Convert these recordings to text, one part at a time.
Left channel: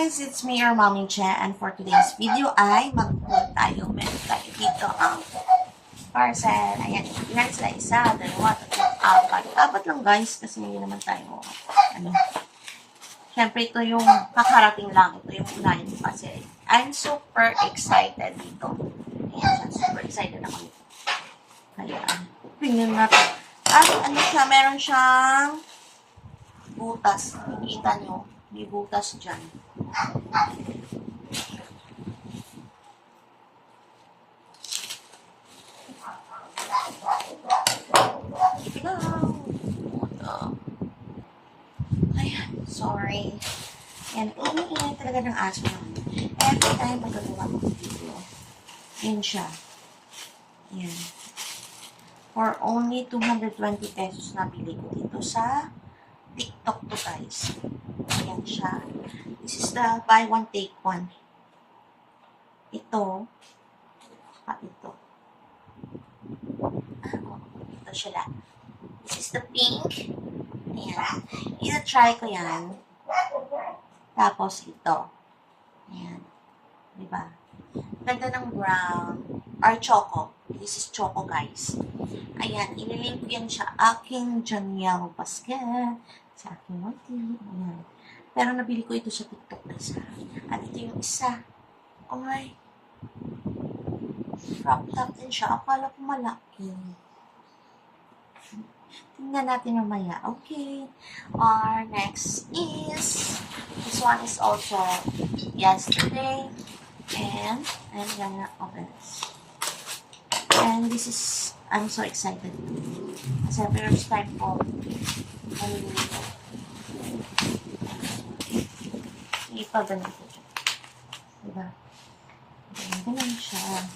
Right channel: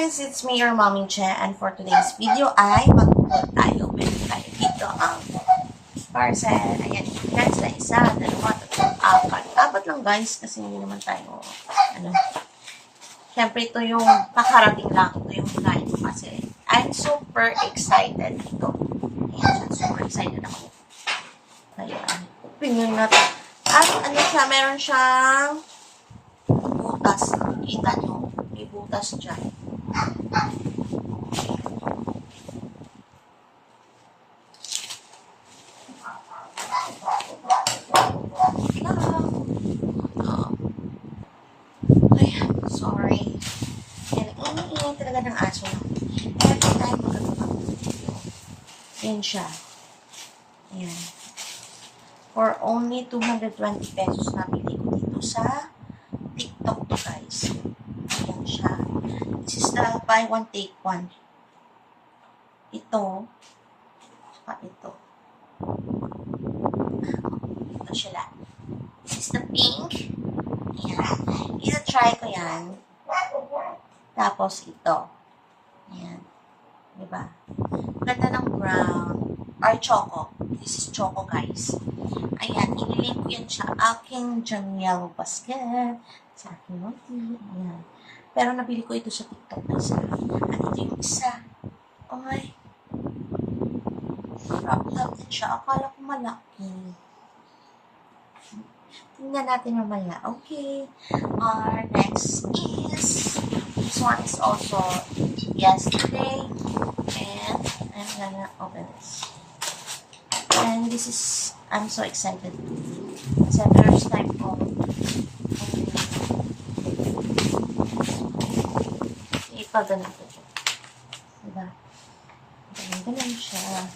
guys, it's me, your Mommy Che, and for today's video ay mag-upload tayo. Meron tayo dito ang parcel. Ayan, guys, na isa, dalawa, tatlo, apat. Apat lang guys, kasi hindi naman tayo, syempre ito yung kakarating lang. Ito yung unahin ko kasi I'm super excited dito. Ayan, super excited ako nito. Ayan, tingnan natin. At siya, meron siyang butas. Nakikita nyo, may butas dyan. Ayan, sorry. Ayan, ingay talaga ng aso na. Every time magagawa ko video. Yan siya. Ayan. For only 220 pesos na bili ko dito sa TikTok to guys. Ayan siya. This is the buy one take one. Ito. Saka ito. Ito sila. This is the pink. Ayan. Ina-try ko yan. Tapos ito. Ayan. Diba? Ganda ng brown. Or choco. This is choco guys. Ayan. Inilink ko yan sa aking dyan yellow basket. Sa aking motif. Ayan. Pero nabili ko ito sa TikTok na isa. At ito yung isa. Okay. Crop top din siya. Akala ko malaki. Tingnan natin mamaya. Okay. Our next is, this one is also yesterday. And I'm gonna open this. And this is, I'm so excited. Kasi first time ko. Ipaganito siya. Diba? Ganyan siya.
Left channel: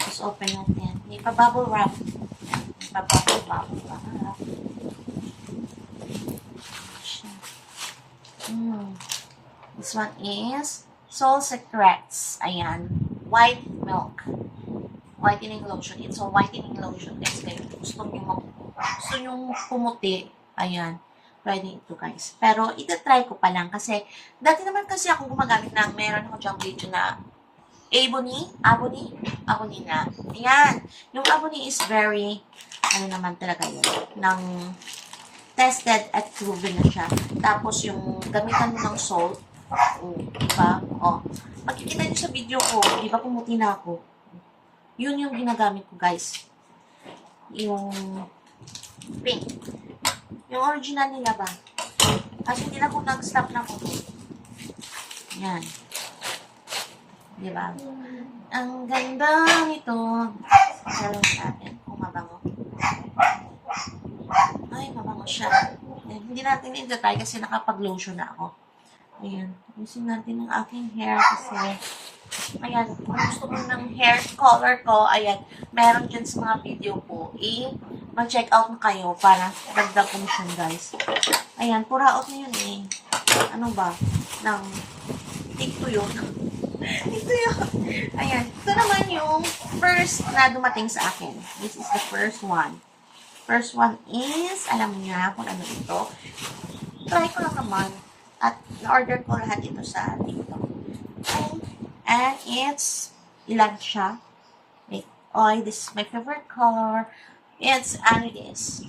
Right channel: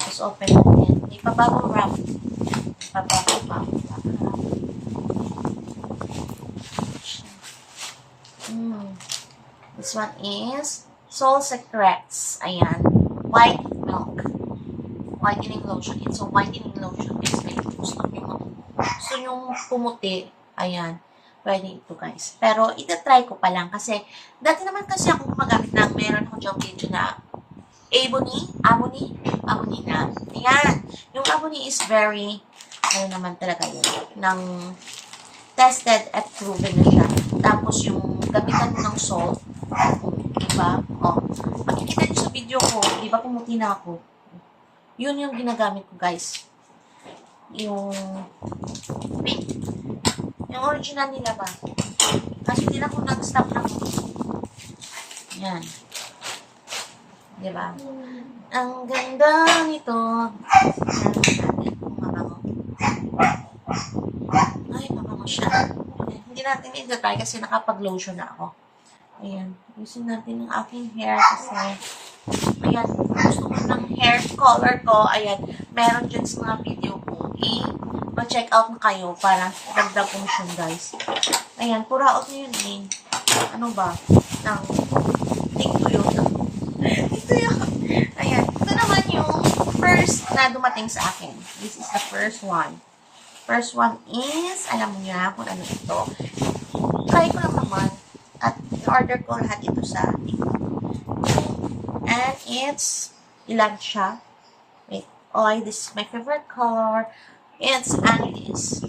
Tapos open natin. Ipabubble wrap. Ipabubble wrap. This one is Soul Secrets. Ayan. White milk. Whitening lotion. It's a whitening lotion. It's like gusto nyo pumuti. Ayan. Pwede ito guys. Pero itatry ko pa lang kasi dati naman kasi ako gumagamit na meron ako diyang video na Abony na. Ayan. Yung Abony is very naman talaga yun. Nang tested at proven na siya. Tapos yung gamitan mo ng salt. Diba? O. Pagkikita nyo sa video ko, diba pumuti na ako? Yun yung ginagamit ko guys. Yung pink. Yung original nila ba? Kasi hindi na ako nag-stop na ko. Yan. Diba? Ang ganda nito. Meron natin kung mabango. Ay, mabango siya. Ayan. Hindi natin i-try kasi nakapag-lotion na ako. Ayan. Usin natin ang aking hair kasi ayan. Gusto ko ng hair color ko. Ayan. Meron dyan sa mga video ko. Ma-check out na kayo para dagdag commission guys. Ayan. Pura out na yun eh. Ano ba? Ito yun. Ito yun. Ayan. Ito naman yung first na dumating sa akin. This is the first one. First one is, alam mo niya kung ano ito. Try ko lang naman. At na-order ko lahat ito sa TikTok. And it's, ilan siya? Wait. Oh, this is my favorite color. It's Anidis.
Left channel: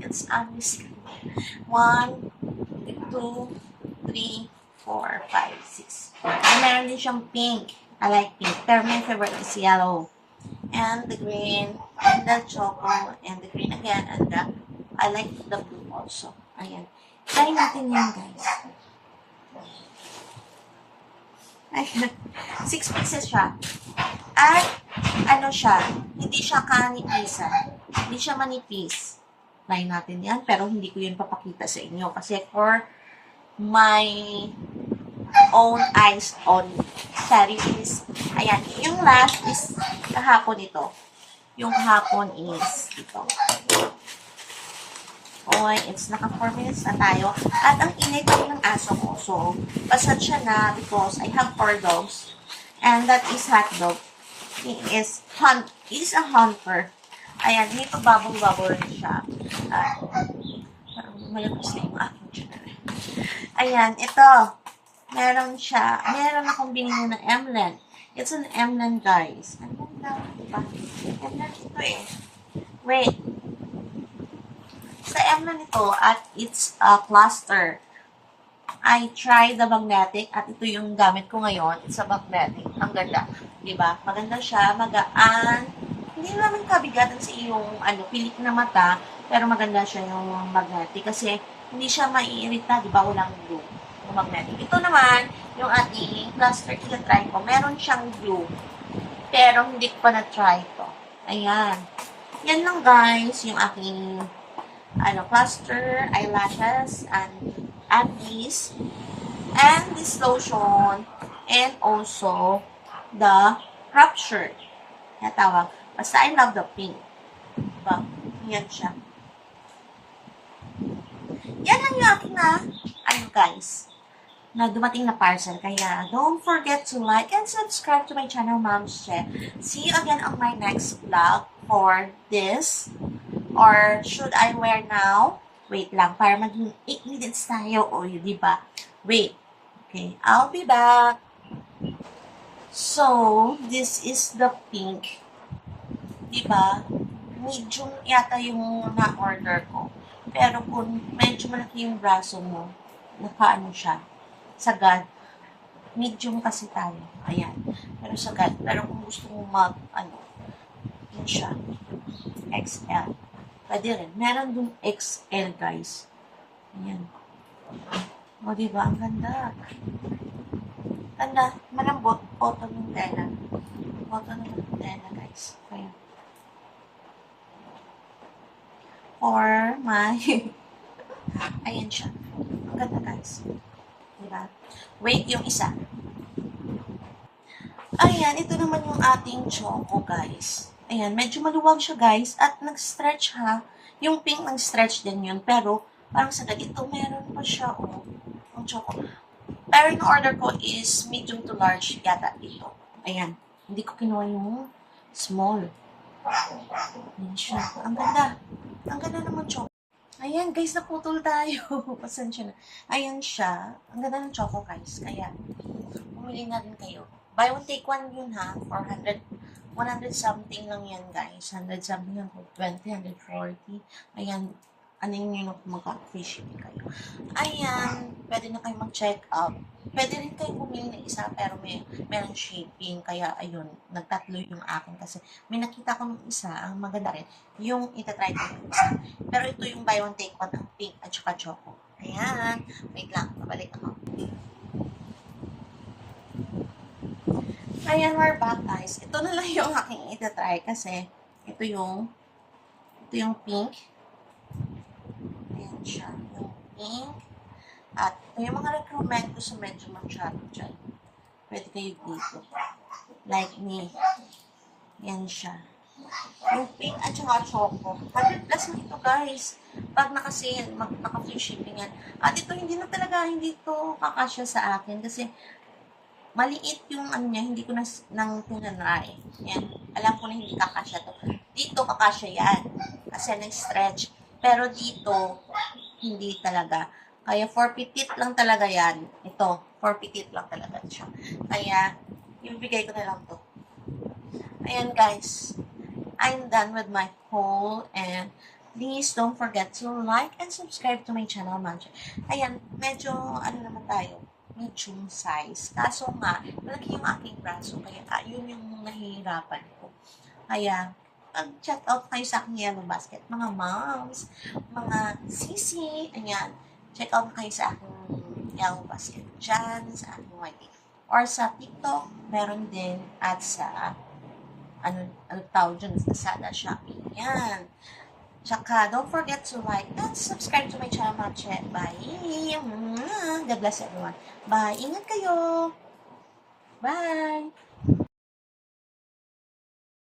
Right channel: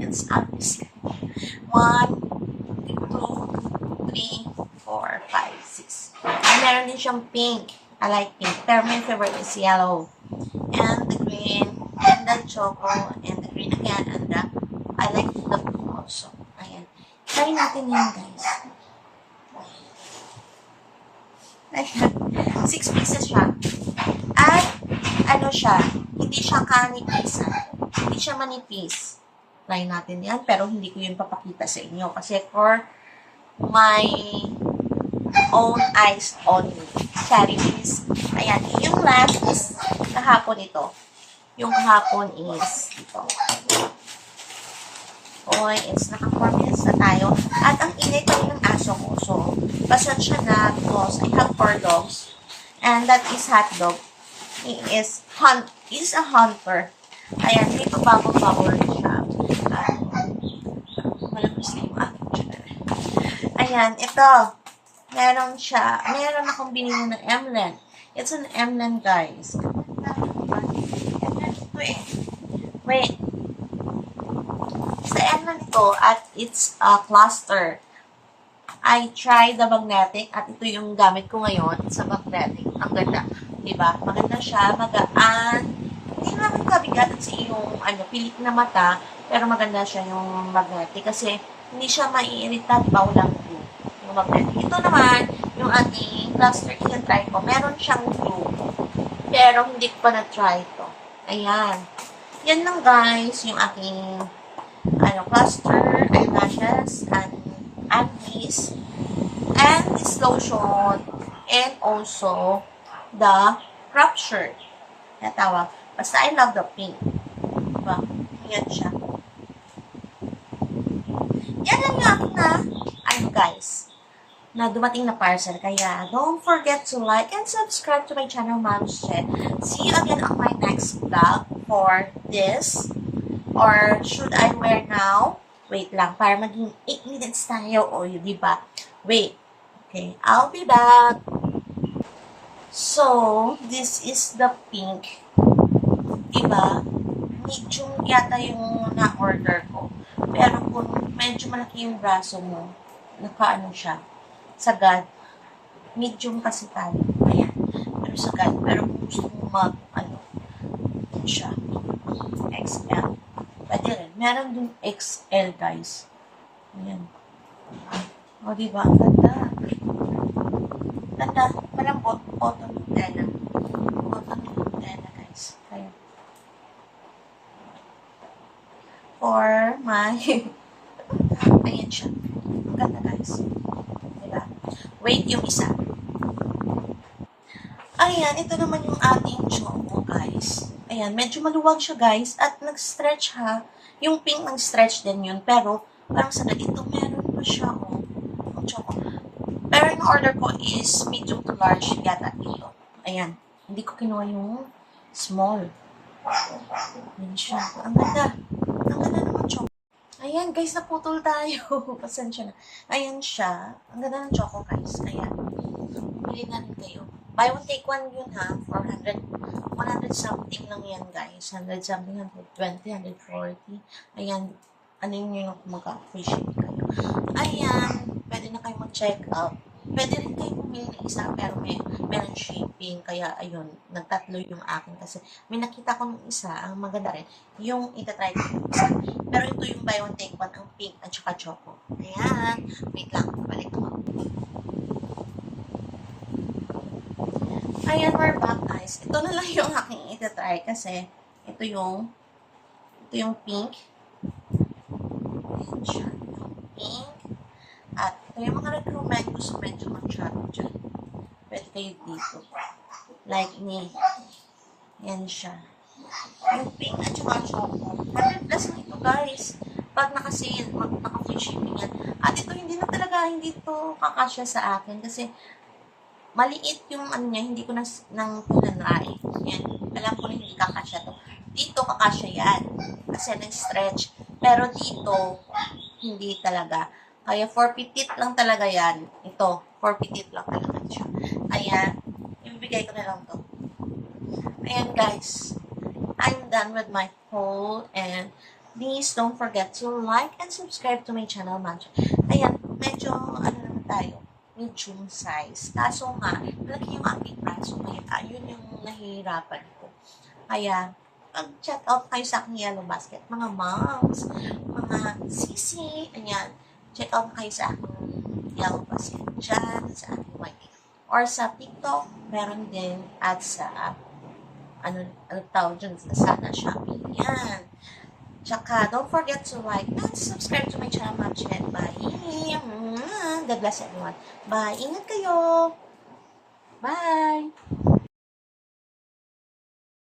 It's Anidis. 1, 2, 3, 4, 5, 6. And meron din siyang pink. I like pink. Pero my favorite is yellow. And the green. And the choco. And the green again. And the, I like the blue also. Ayan. Try natin yan guys. Ayan. 6 pieces siya. At, ano siya, hindi siya kanipisan. Hindi siya manipis. Try natin yan, pero hindi ko yun papakita sa inyo. Kasi for my own eyes only. Sorry, please. Ayan. Yung last is kahapon ito. Yung kahapon is ito. Oy, it's naka 4 minutes na tayo. At ang ingay pa rin ng aso ko. So, pasensya na because I have 4 dogs. And that is hot dog. He is a hunter. Ayan, dito bubble rin siya. Malabas na yung aking. Ayan, ito. meron akong binili ng Emlen. It's an Emlen, guys. Emlen ito eh. Wait. Sa Emlen ito, at it's a cluster. I tried the magnetic, at ito yung gamit ko ngayon sa magnetic. Ang ganda. Diba? Maganda siya, magaan. Hindi naman kabigat sa iyong pilik na mata, pero maganda siya yung magnetic kasi hindi siya maiirita, diba? Walang glue. Yung magnetic. Ito naman, yung ating cluster, ina-try ko. Meron siyang glue, pero hindi ko pa na-try ito. Ayan. Yan lang, guys, yung aking cluster, eyelashes, and this lotion, and also the crop shirt. Natawag. Basta I love the pink. Diba? Yan siya. Yan lang yung aking guys, na dumating na parcel. Kaya, don't forget to like and subscribe to my channel, Mom's Chat. See you again on my next vlog for this. Or, should I wear now? Wait lang, para maging 8 minutes tayo. O, diba? Wait. Okay, I'll be back. So, this is the pink. Diba? Medium yata yung na-order ko. Pero kung medyo malaki yung braso mo, nakaano siya, sagad. Medium kasi tayo. Ayan. Pero sagad. Pero kung gusto mo siya. XL. Pwede rin. Meron dun XL, guys. Ayan. O, diba? Ang ganda. Ganda. Malambot. Cotton yung tela. Cotton yung tela, guys. Kaya. For my... Ayan siya. Ang ganda, guys. Diba? Wait yung isa. Ayan. Ito naman yung ating choco, guys. Ayan. Medyo maluwag siya, guys. At nag-stretch, ha. Yung pink nag-stretch din yun. Pero, parang sa ito, meron pa siya, oh. Ang choco. Pero yung order ko is medium to large yata ito. Ayan. Hindi ko kinuha yung small. Ayan siya. Ang ganda. Ang ganda naman choco. Ayan, guys, naputol tayo. Pasensya na. Ayan siya. Ang ganda ng choco, guys. Kaya, bumili na rin kayo. Buy one, take one yun, ha? 100 something lang yan, guys. 100 something, 120, 140. Ayan. Ano yun yung mag-free shipping kayo. Ayan. Pwede na kayo mag-check up. Pwede rin kayo bumili ng isa, pero meron shipping. Kaya, ayun, nagtatlo yung akin. Kasi may nakita ko ng isa, ang maganda rin, yung itatry ko yung isa. Pero ito yung buy one, take one, ang pink at saka choco. Ayan. Wait lang, balik ako. Ayan, we're back, guys. Ito na lang yung aking itatry kasi ito yung pink. Ayan siya. Yung pink. At ito yung mga recruitment gusto medyo mag-shadow dyan. Pwede kayo dito. Like me. Ayan siya. Yung pink at saka choco. 100 plus na ito, guys. Pag naka-sale, naka-free shipping yan. At ito, hindi ito kakasya sa akin kasi maliit yung niya, hindi ko nang pinanay. Yan. Alam ko na hindi kakasya to. Dito kakasya yan. Kasi nag-stretch. Pero dito, hindi talaga. Kaya for petite lang talaga yan. Ito, for petite lang talaga siya. Kaya, ibibigay ko na lang to. Ayan, guys. I'm done with my haul and please don't forget to like and subscribe to my channel, Magic. Ayan, medyo, naman tayo, medium size. Kaso nga, malaki yung aking braso. Kaya, yun yung nahihirapan ko. Kaya, check out kayo sa aking yellow basket. Mga moms, mga sisi, ayan. Check out kayo sa aking yellow basket. Diyan, sa aking white. Or sa TikTok, meron din. At sa, ano tawag dyan, sa Shopee. Yan. Tsaka, don't forget to like and subscribe to my channel, Magic. Bye. God bless everyone. Bye. Ingat kayo. Bye.